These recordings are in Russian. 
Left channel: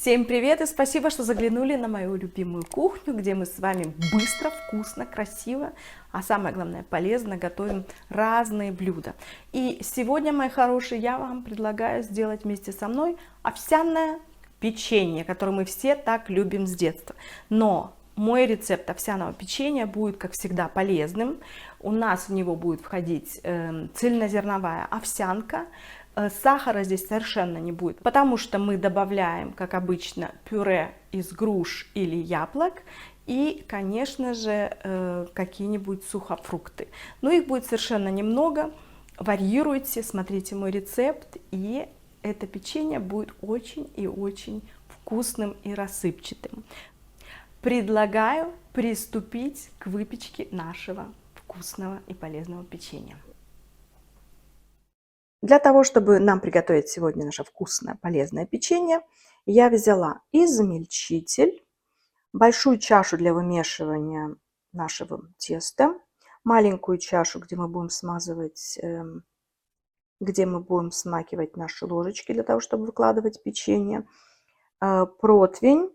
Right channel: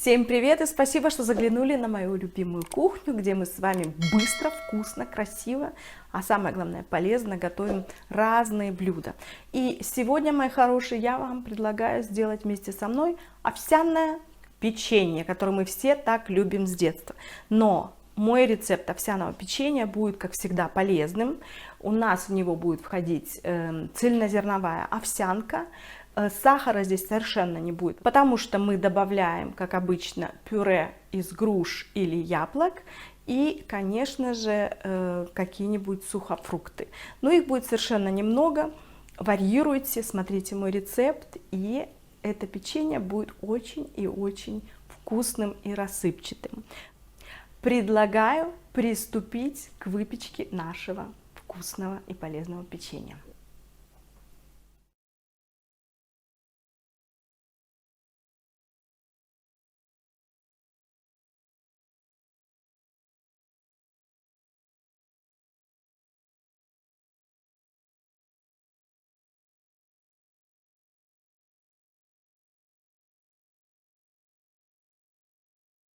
Всем привет и спасибо, что заглянули на мою любимую кухню, где мы с вами быстро, вкусно, красиво, а самое главное полезно готовим разные блюда. И сегодня, мои хорошие, я вам предлагаю сделать вместе со мной овсяное печенье, которое мы все так любим с детства. Но мой рецепт овсяного печенья будет, как всегда, полезным. У нас в него будет входить цельнозерновая овсянка. Сахара здесь совершенно не будет, потому что мы добавляем, как обычно, пюре из груш или яблок и, конечно же, какие-нибудь сухофрукты. Но их будет совершенно немного. Варьируйте, смотрите мой рецепт, и это печенье будет очень и очень вкусным и рассыпчатым. Предлагаю приступить к выпечке нашего вкусного и полезного печенья. Для того, чтобы нам приготовить сегодня наше вкусное, полезное печенье, я взяла измельчитель, большую чашу для вымешивания нашего теста, маленькую чашу, где мы будем смазывать, где мы будем смакивать наши ложечки для того, чтобы выкладывать печенье, противень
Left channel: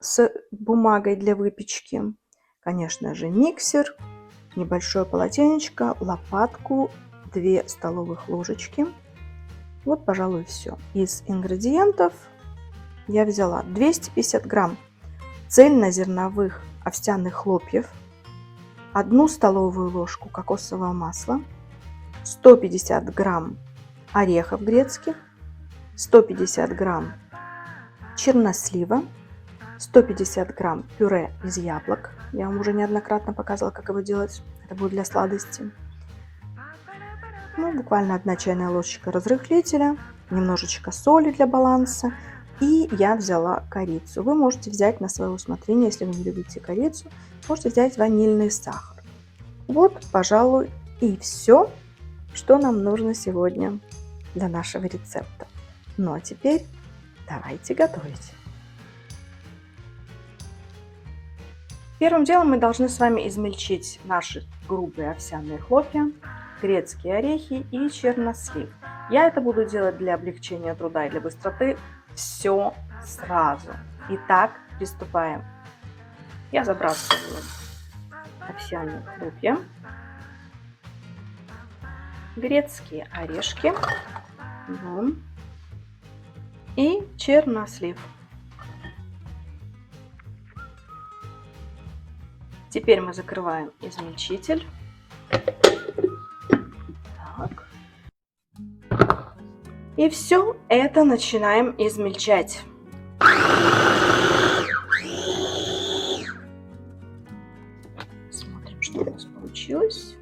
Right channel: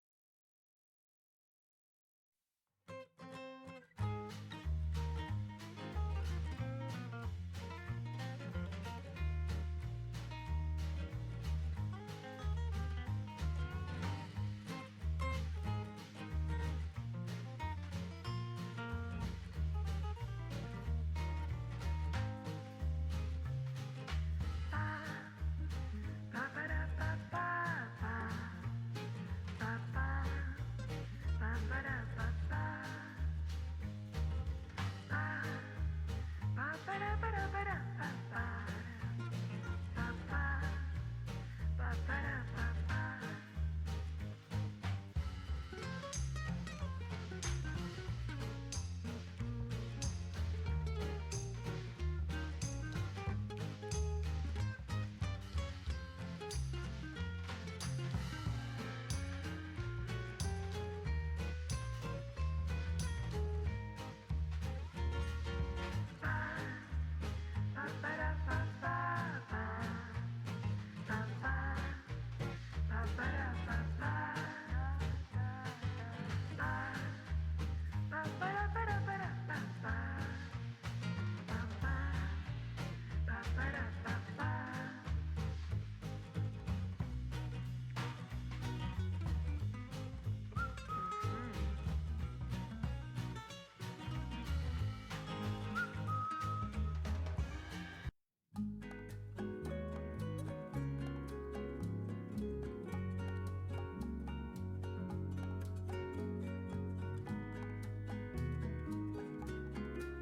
с бумагой для выпечки, конечно же, миксер, небольшое полотенечко, лопатку, 2 столовых ложечки. Вот, пожалуй, все. Из ингредиентов я взяла 250 грамм цельнозерновых овсяных хлопьев, 1 столовую ложку кокосового масла, 150 грамм орехов грецких, 150 грамм чернослива, 150 грамм пюре из яблок. Я вам уже неоднократно показывала, как его делать. Это будет для сладости. Ну, буквально 1 чайная ложечка разрыхлителя, немножечко соли для баланса. И я взяла корицу. Вы можете взять на свое усмотрение, если вы не любите корицу, можете взять ванильный сахар. Вот, пожалуй, и все, что нам нужно сегодня для нашего рецепта. Ну а теперь давайте готовить. Первым делом мы должны с вами измельчить наши грубые овсяные хлопья, грецкие орехи и чернослив. Я это буду делать для облегчения труда и для быстроты все сразу. Итак, приступаем. Я забрасываю овсяные хлопья, грецкие орешки и чернослив. Теперь мы закрываем измельчитель. Так. И все это начинаем измельчать. Смотрим, что у нас получилось.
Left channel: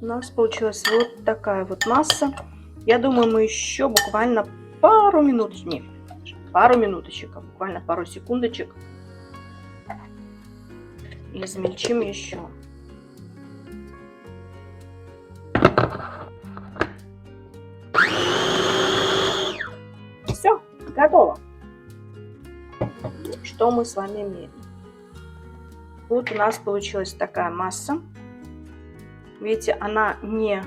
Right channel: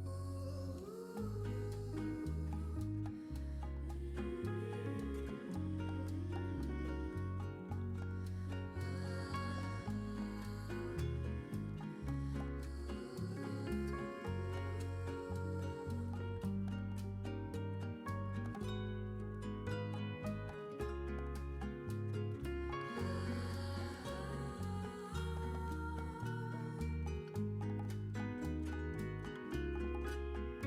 У нас получилась вот такая вот масса. Я думаю, мы еще буквально пару минуточек, буквально пару секундочек и измельчим еще. Все, готово. Что мы с вами имеем? Вот у нас получилась такая масса. Видите, она не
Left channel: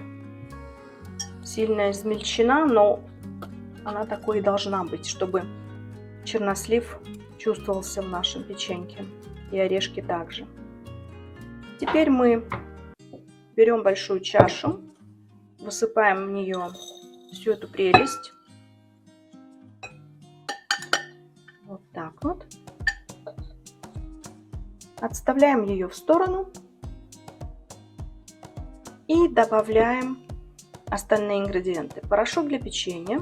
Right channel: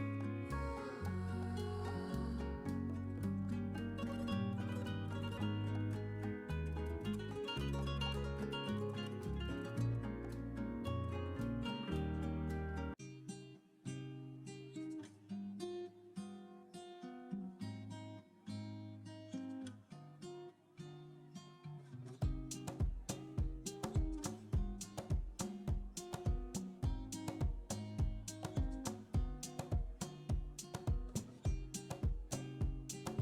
сильно измельчена, но она такой и должна быть, чтобы чернослив чувствовался в нашем печеньке. И орешки также. Теперь мы берем большую чашу, высыпаем в нее всю эту прелесть. Вот так вот. Отставляем ее в сторону. И добавляем остальные ингредиенты. Порошок для печенья.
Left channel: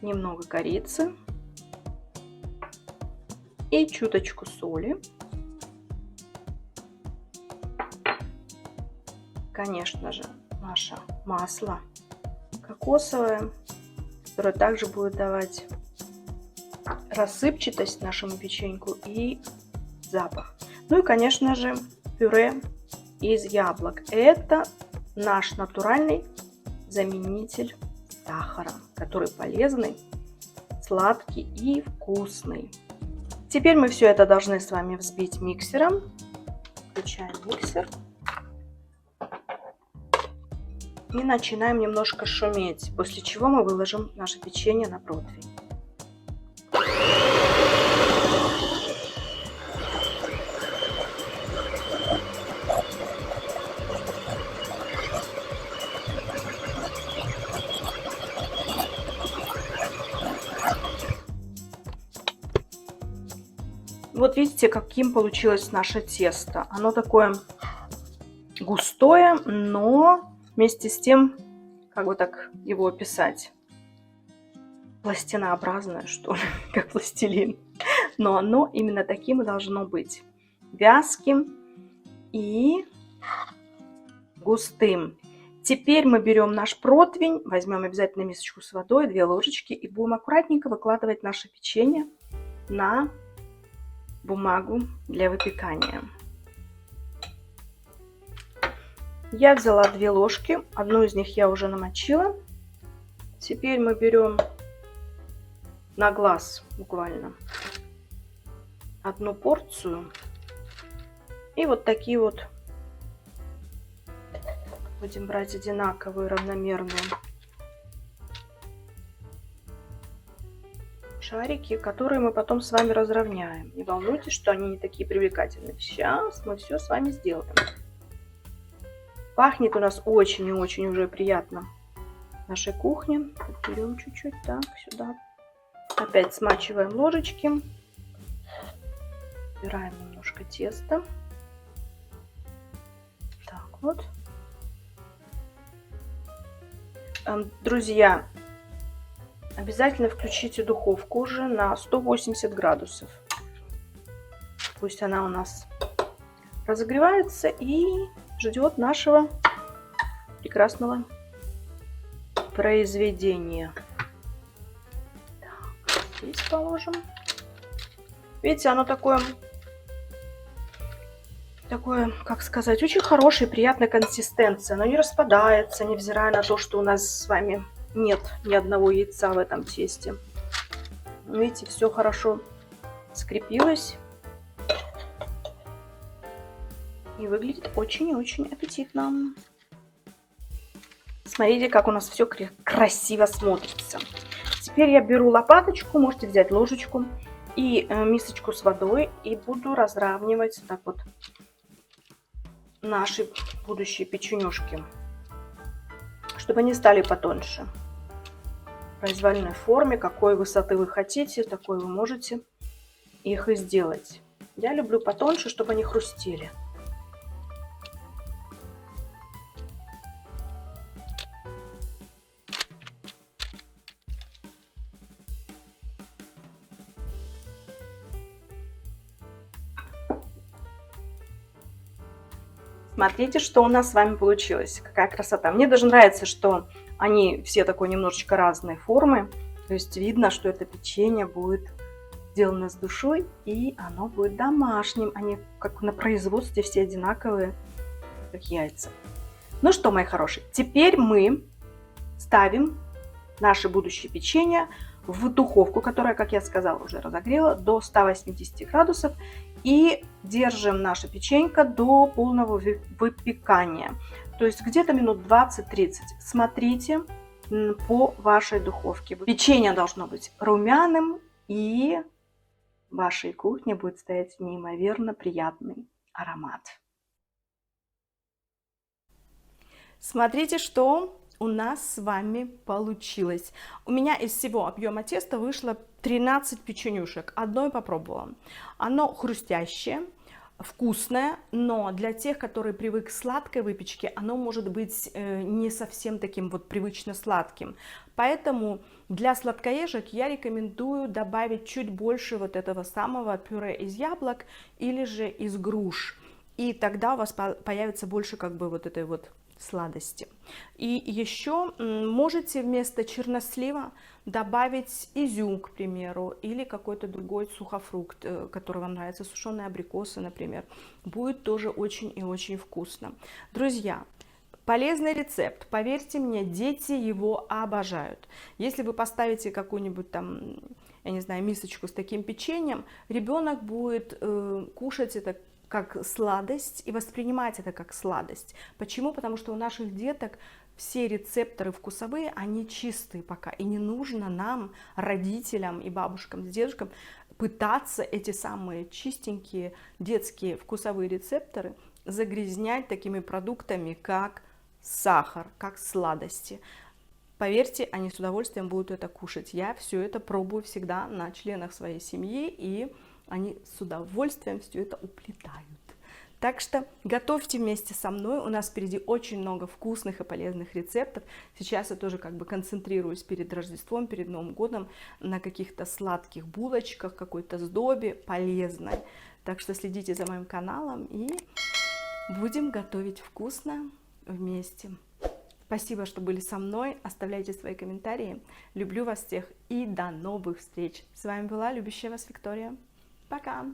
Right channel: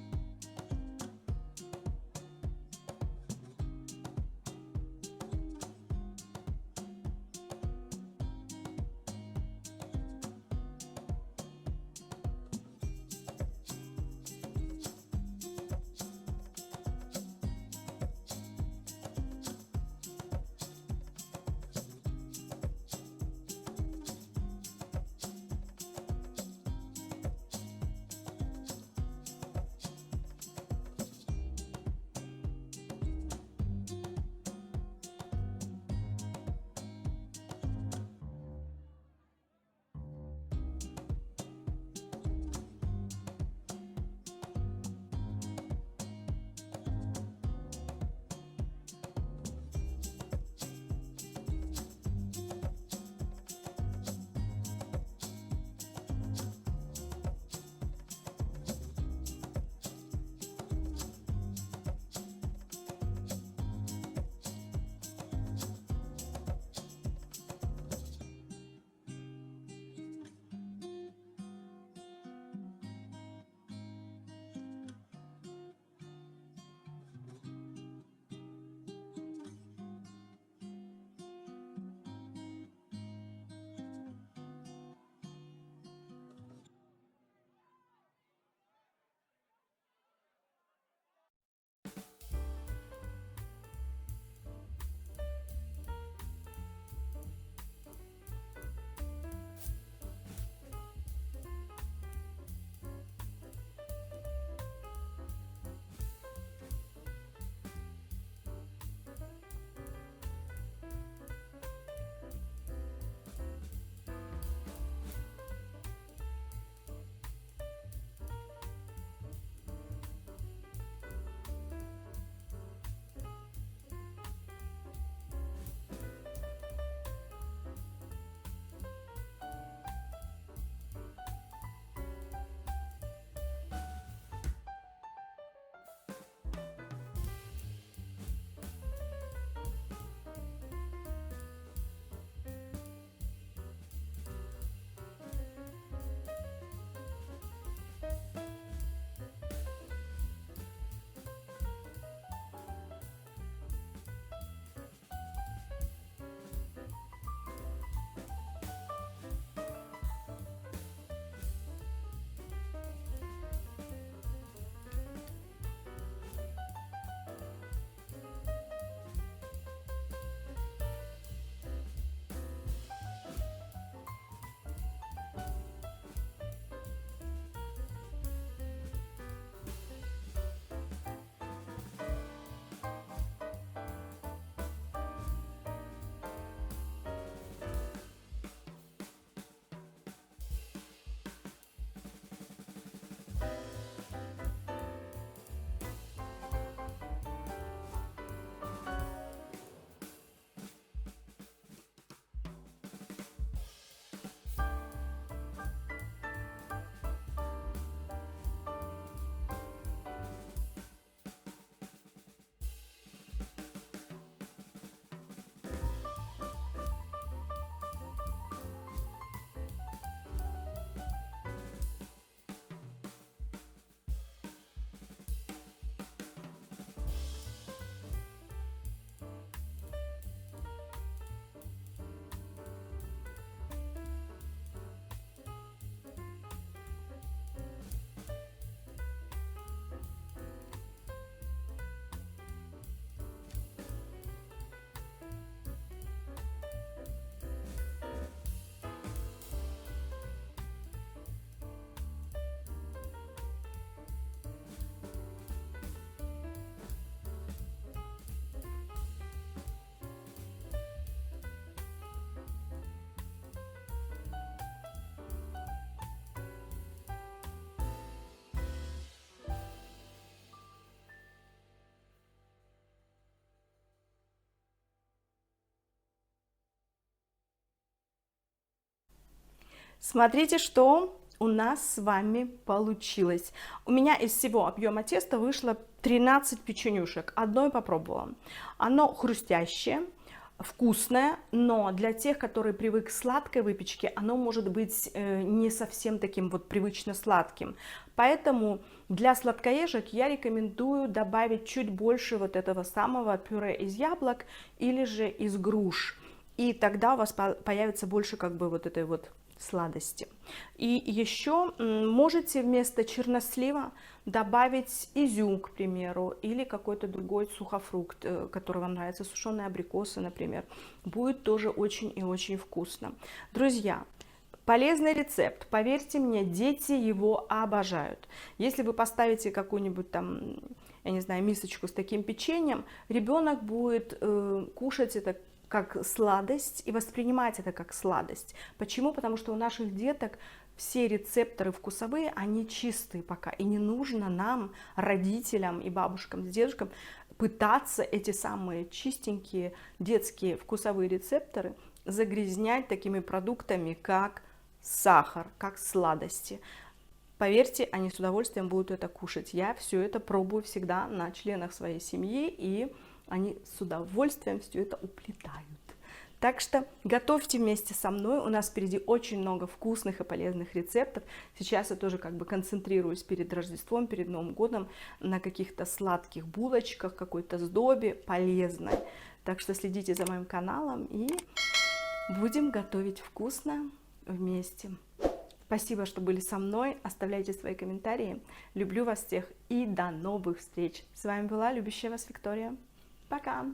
Немного корицы. И чуточку соли. Конечно же, наше масло кокосовое, которое также будет давать рассыпчатость нашему печеньку и запах. Ну и, конечно же, пюре из яблок. Это наш натуральный заменитель сахара, который полезный, сладкий и вкусный. Теперь мы все это должны с вами взбить миксером. Включаем миксер. И начинаем немножко шуметь, после чего мы выложим наше печенье на противень. Вот видите, каким получилось наше тесто. Оно такое густое, но вместе с тем, как бы так его описать, пластинообразное, что ли, как пластилин. Но оно именно таким и должно быть. Вязким и густым. Теперь мы берем наш противень, возьмем обязательно мисочку с водой, 2 ложечки и будем аккуратненько выкладывать наше печенье на бумагу для выпекания. Я взяла 2 ложки, одну из них я уже намочила. Теперь мы берем на глаз буквально 1 порцию и вот такие вот будем брать одинаковые, равномерные шарики, которые мы потом с вами разровняем. Не волнуйтесь, что они не такие привлекательные. Сейчас мы все с вами сделаем. Пахнет у нас очень и очень уже приятно в нашей кухне. Берем чуть-чуть так сюда. Опять смачиваем ложечки. Убираем немножко теста. Так вот. Друзья, обязательно включите духовку уже на 180 градусов. Пусть она у нас разогревается и ждет нашего прекрасного произведения. Так, здесь положим. Видите, оно такое, как сказать, очень хорошая, приятная консистенция. Оно не распадается, невзирая на то, что у нас с вами нет ни одного яйца в этом тесте. Видите, все хорошо скрепилось. И выглядит очень и очень аппетитно. Смотрите, как у нас все красиво смотрится. Теперь я беру лопаточку, можете взять ложечку и мисочку с водой. И буду разравнивать так вот наши будущие печенюшки, чтобы они стали потоньше. В произвольной форме, какой высоты вы хотите, такой вы можете их и сделать. Я люблю потоньше, чтобы они хрустели. Смотрите, что у нас с вами получилось. Какая красота. Мне даже нравится, что они все такой немножечко разной формы. То есть видно, что это печенье будет сделано с душой, и оно будет домашним. Они как на производстве все одинаковые, как яйца. Ну что, мои хорошие, теперь мы ставим наше будущее печенье в духовку, которая, как я сказала, уже разогрела до 180 градусов. И держим наше печенье до полного выпекания. То есть где-то минут 20-30. Смотрите по вашей духовке. Печенье должно быть румяным, и в вашей кухне будет стоять неимоверно приятный аромат. Смотрите, что у нас с вами получилось. У меня из всего объема теста вышло 13 печенюшек. Одно я попробовала. Оно хрустящее, вкусное, но для тех, которые привык к сладкой выпечке, оно может быть не совсем таким вот привычно сладким. Поэтому для сладкоежек я рекомендую добавить чуть больше вот этого самого пюре из яблок или же из груш. И тогда у вас появится больше как бы вот этой вот сладости. И еще можете вместо чернослива добавить изюм, к примеру, или какой-то другой сухофрукт, который вам нравится, сушеные абрикосы, например. Будет тоже очень и очень вкусно. Друзья, полезный рецепт, поверьте мне, дети его обожают. Если вы поставите какую-нибудь там, я не знаю, мисочку с таким печеньем, ребенок будет кушать это как сладость и воспринимать это как сладость. Почему? Потому что у наших деток все рецепторы вкусовые, они чистые пока. И не нужно нам, родителям и бабушкам с дедушкам, пытаться эти самые чистенькие детские вкусовые рецепторы загрязнять такими продуктами, как сахар, как сладости. Поверьте, они с удовольствием будут это кушать. Я все это пробую всегда на членах своей семьи, и они с удовольствием все это уплетают. Так что готовьте вместе со мной, у нас впереди очень много вкусных и полезных рецептов. Сейчас я тоже как бы концентрируюсь перед Рождеством, перед Новым годом на каких-то сладких булочках, какой-то сдобе полезной. Так что следите за моим каналом и будем готовить вкусно вместе. Спасибо, что были со мной, оставляйте свои комментарии. Люблю вас всех и до новых встреч. С вами была любящая вас Виктория. Пока!